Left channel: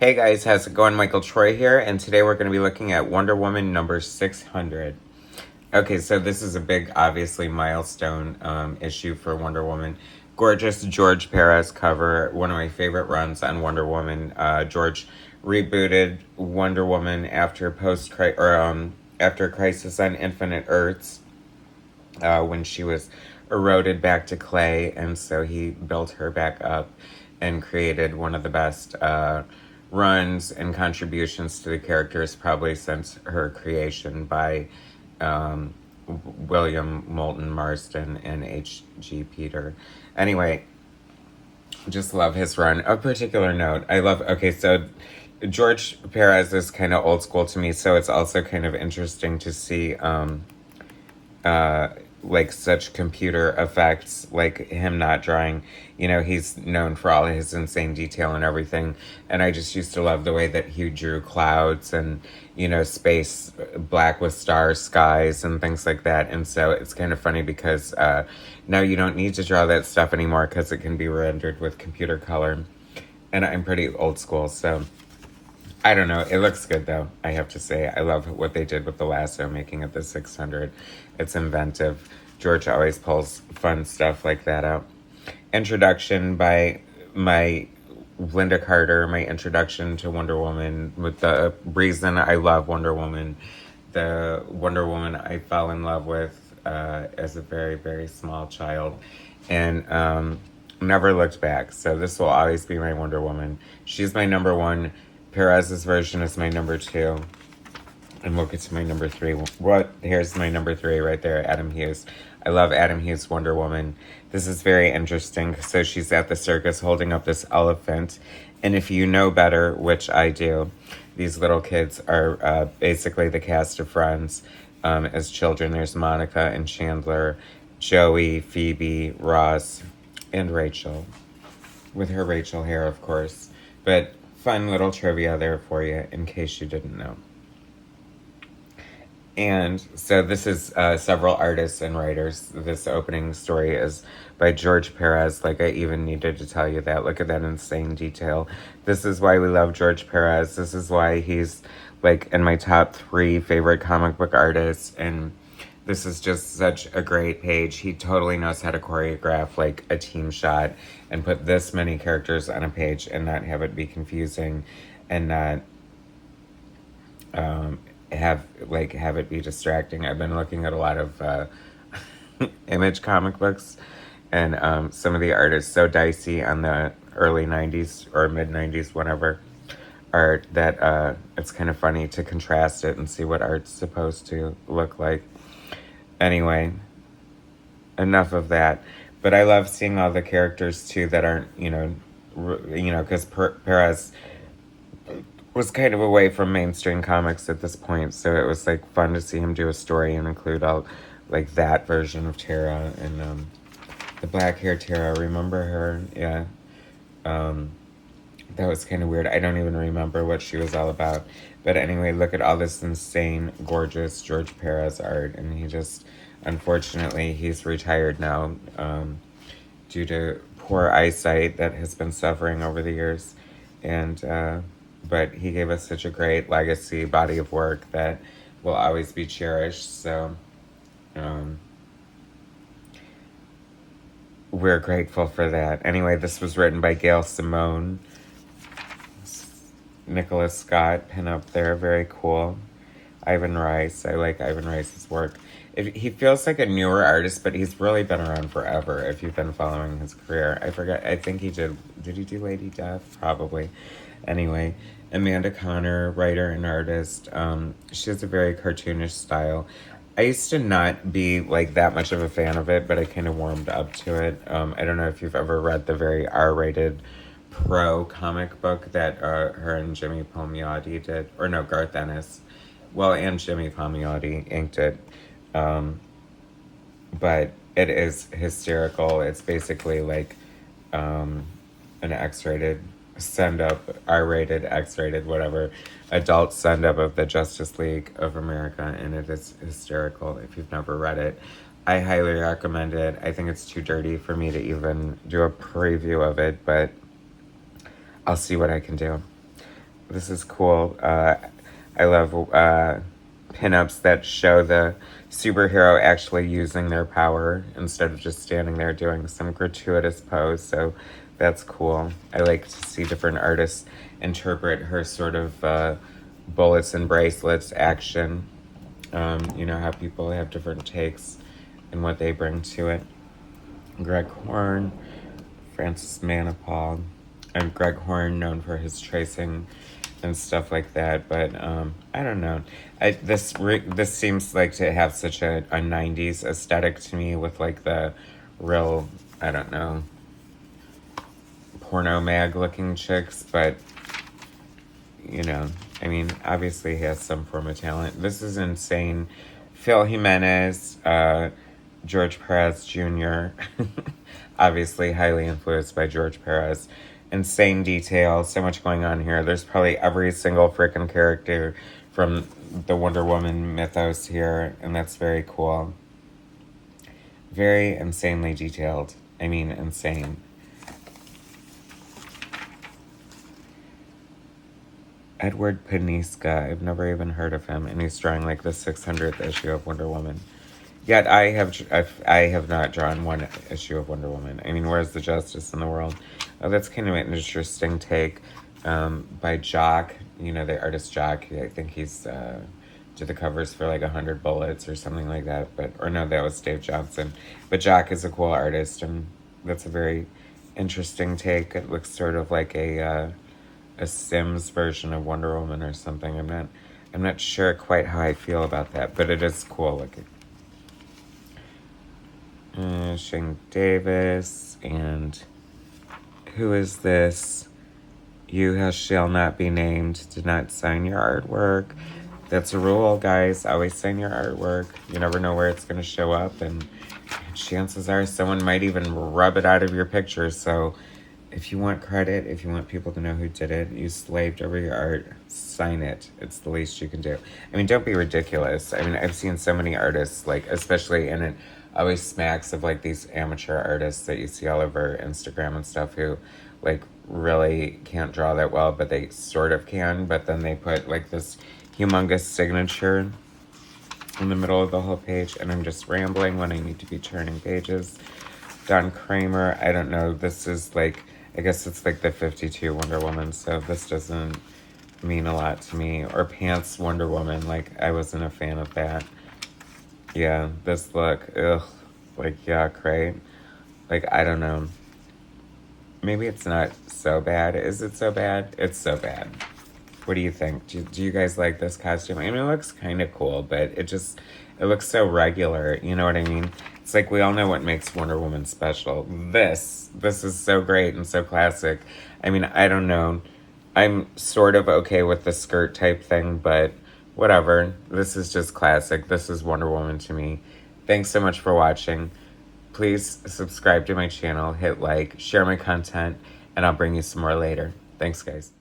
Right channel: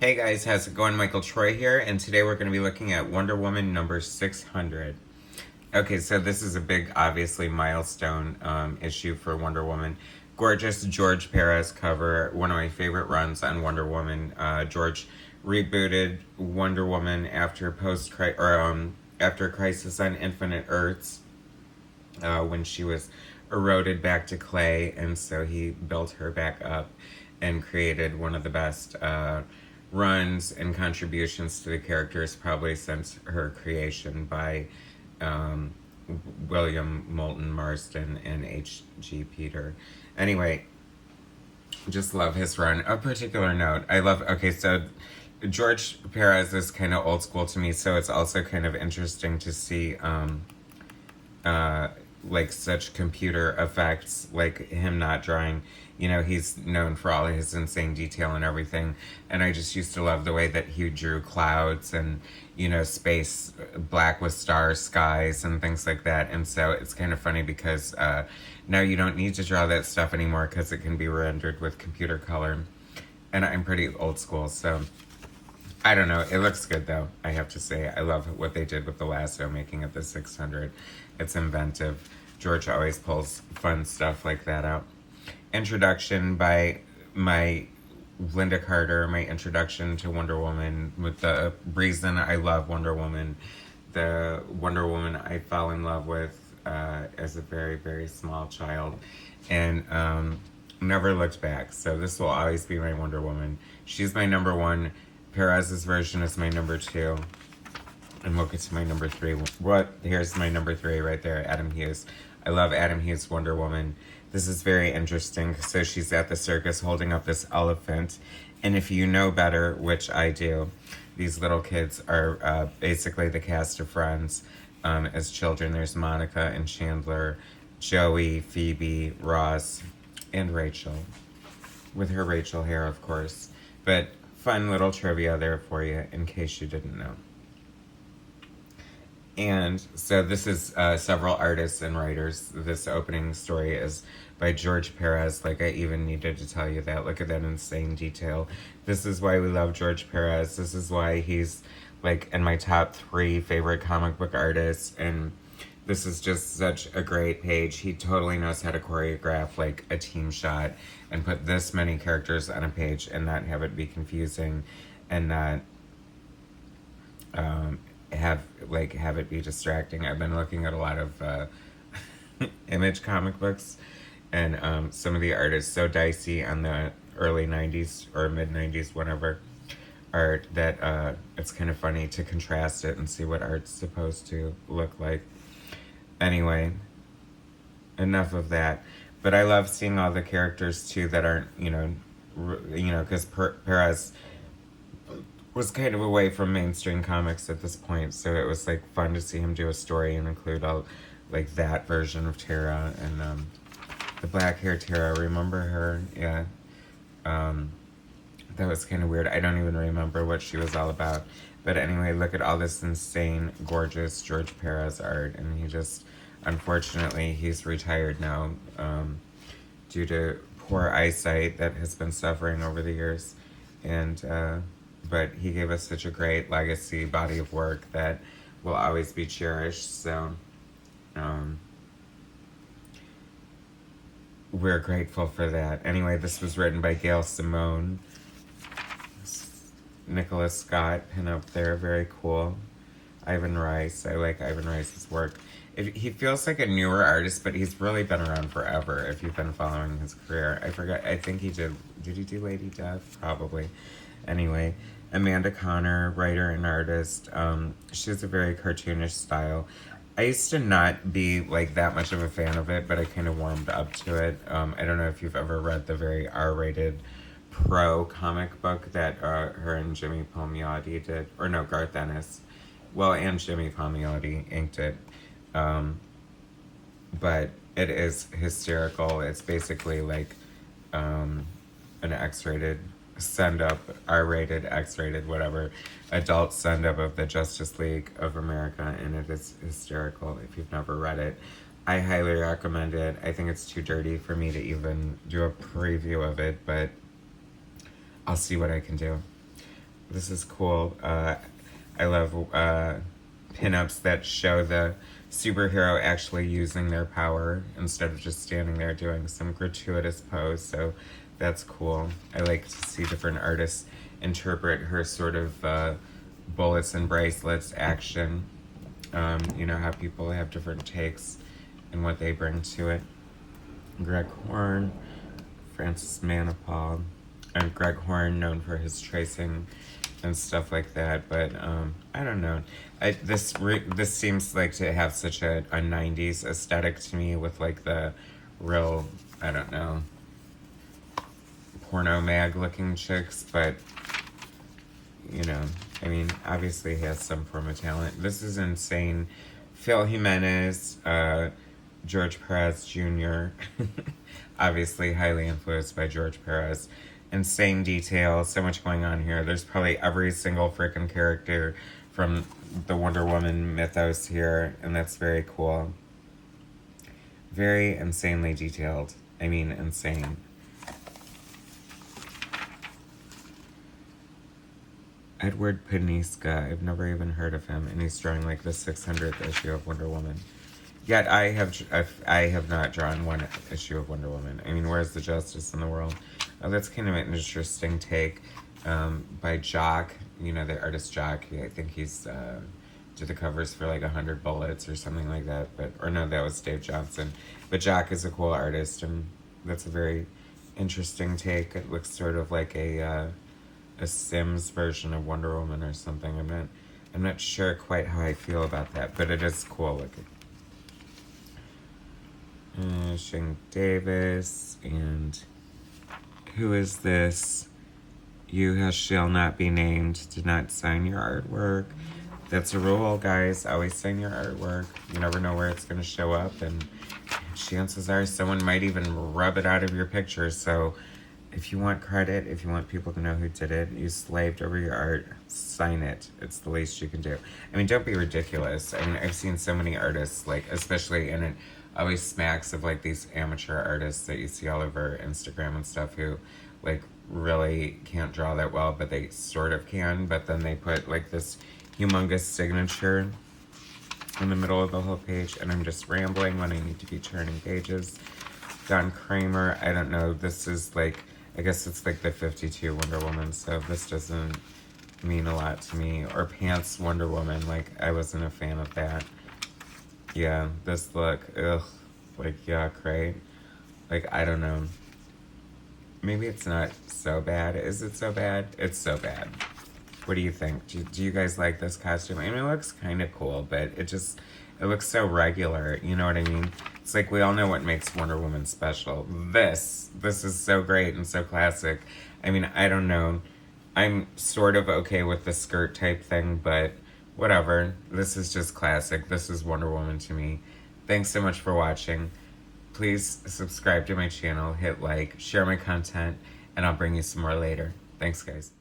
Hey guys, how's it going? Michael Troy here, and today we're going to be looking at Wonder Woman number 600. Okay, so this is a big, obviously, milestone issue for Wonder Woman. Gorgeous George Pérez cover, one of my favorite runs on Wonder Woman. George rebooted Wonder Woman after after Crisis on Infinite Earths, when she was eroded back to clay, and so he built her back up and created one of the best runs and contributions to the characters probably since her creation by um, William Moulton Marston and H.G. Peter. Anyway, just love his run. A particular note, I love, okay, so George Perez is kind of old school to me, so it's also kind of interesting to see uh, like such computer effects, like him not drawing. You know, he's known for all his insane detail and everything. And I just used to love the way that he drew clouds and, you know, space, black with stars, skies, and things like that. And so it's kind of funny because now you don't need to draw that stuff anymore because it can be rendered with computer color. And I'm pretty old school, so I don't know. It looks good though, I have to say. I love what they did with the lasso, making it the 600. It's inventive. George always pulls fun stuff like that out. Introduction by my Lynda Carter, my introduction to Wonder Woman, with the reason I love Wonder Woman. The Wonder Woman I fell in love with as a very, very small child. And never looked back. So this will always be my Wonder Woman. She's my number one. Perez's version is my number two. And we'll get to my number three. Here's my number three right there, Adam Hughes. I love Adam Hughes' Wonder Woman. This is very interesting. So she's at the circus holding up this elephant. And if you know better, which I do, these little kids are basically the cast of Friends as children. There's Monica and Chandler, Joey, Phoebe, Ross, and Rachel. With her Rachel hair, of course. But fun little trivia there for you in case you didn't know. And so this is several artists and writers. This opening story is by George Perez. Like, I even needed to tell you that. Look at that insane detail. This is why we love George Perez. This is why he's like in my top 3 favorite comic book artists. And this is just such a great page. He totally knows how to choreograph like a team shot and put this many characters on a page and not have it be confusing and not have it be distracting. I've been looking at a lot of Image comic books, and some of the art is so dicey on the early 90s or mid 90s, whatever art, that it's kind of funny to contrast it and see what art's supposed to look like. Anyway, enough of that. But I love seeing all the characters too that aren't, because Perez was kind of away from mainstream comics at this point, so it was like fun to see him do a story and include all like that version of Tara and the black hair Tara. Remember her? Yeah. That was kind of weird. I don't even remember what she was all about. But anyway, look at all this insane, gorgeous George Perez art, and he just, unfortunately, he's retired now due to poor eyesight that has been suffering over the years. And but he gave us such a great legacy body of work that will always be cherished. So we're grateful for that. Anyway, this was written by Gail Simone. Nicholas Scott pin up there, very cool. Ivan Rice, I like Ivan Rice's work. He feels like a newer artist, but he's really been around forever if you've been following his career. I think he did he do Lady Death? Probably. Anyway, Amanda Connor, writer and artist. She has a very cartoonish style. I used to not be like that much of a fan of it, but I kind of warmed up to it. I don't know if you've ever read the very R-rated Pro comic book that her and Jimmy Palmiotti did, or no, Garth Ennis. Well, and Jimmy Palmiotti inked it. But it is hysterical. It's basically like an X-rated send-up, R-rated, X-rated, whatever, adult send-up of the Justice League of America, and it is hysterical if you've never read it. I highly recommend it. I think it's too dirty for me to even do a preview of it, but I'll see what I can do. This is cool. I love pinups that show the superhero actually using their power instead of just standing there doing some gratuitous pose. So that's cool. I like to see different artists interpret her sort of bullets and bracelets action. You know how people have different takes and what they bring to it. Greg Horn, Francis Manipal, and Greg Horn known for his tracing and stuff like that. But I don't know. This seems like to have such a 90s aesthetic to me with like the real, I don't know, porno mag looking chicks, but you know, I mean, obviously he has some form of talent. This is insane. Phil Jimenez, George Perez Jr., obviously highly influenced by George Perez. Insane detail, so much going on here. There's probably every single freaking character from the Wonder Woman mythos here, and that's very cool. Very insanely detailed. I mean, insane. Edward Paniska, I've never even heard of him, and he's drawing like the 600th issue of Wonder Woman. Yet I have not drawn one issue of Wonder Woman. I mean, where's the justice in the world? Oh, that's kind of an interesting take by Jock. You know, the artist Jock. I think he's did the covers for like 100 Bullets or something like that. Or no, that was Dave Johnson. But Jock is a cool artist, and that's a very interesting take. It looks sort of like a Sims version of Wonder Woman or something. I'm not sure quite how I feel about that, but it is cool looking. Shane Davis, and who is this? You shall not be named. Did not sign your artwork. That's a rule, guys. Always sign your artwork. You never know where it's going to show up, and chances are someone might even rub it out of your picture. So if you want credit, if you want people to know who did it, you slaved over your art, sign it. It's the least you can do. I mean, don't be ridiculous. I mean, I've seen so many artists, like, especially in it, always smacks of like these amateur artists that you see all over Instagram and stuff who like really can't draw that well, but they sort of can, but then they put like this humongous signature in the middle of the whole page, and I'm just rambling when I need to be turning pages. Don Kramer, I don't know, this is like, I guess it's like the 52 Wonder Woman, so this doesn't mean a lot to me. Or Pants Wonder Woman, like I wasn't a fan of that. Yeah, this look, ugh, like, yuck, right? Like, I don't know. Maybe it's not so bad. Is it so bad? It's so bad. What do you think? Do you guys like this costume? I mean, it looks kind of cool, but it looks so regular, you know what I mean? It's like we all know what makes Wonder Woman special. This is so great and so classic. I mean, I don't know. I'm sort of okay with the skirt type thing, but whatever. This is just classic. This is Wonder Woman to me. Thanks so much for watching. Please subscribe to my channel, hit like, share my content, and I'll bring you some more later. Thanks, guys.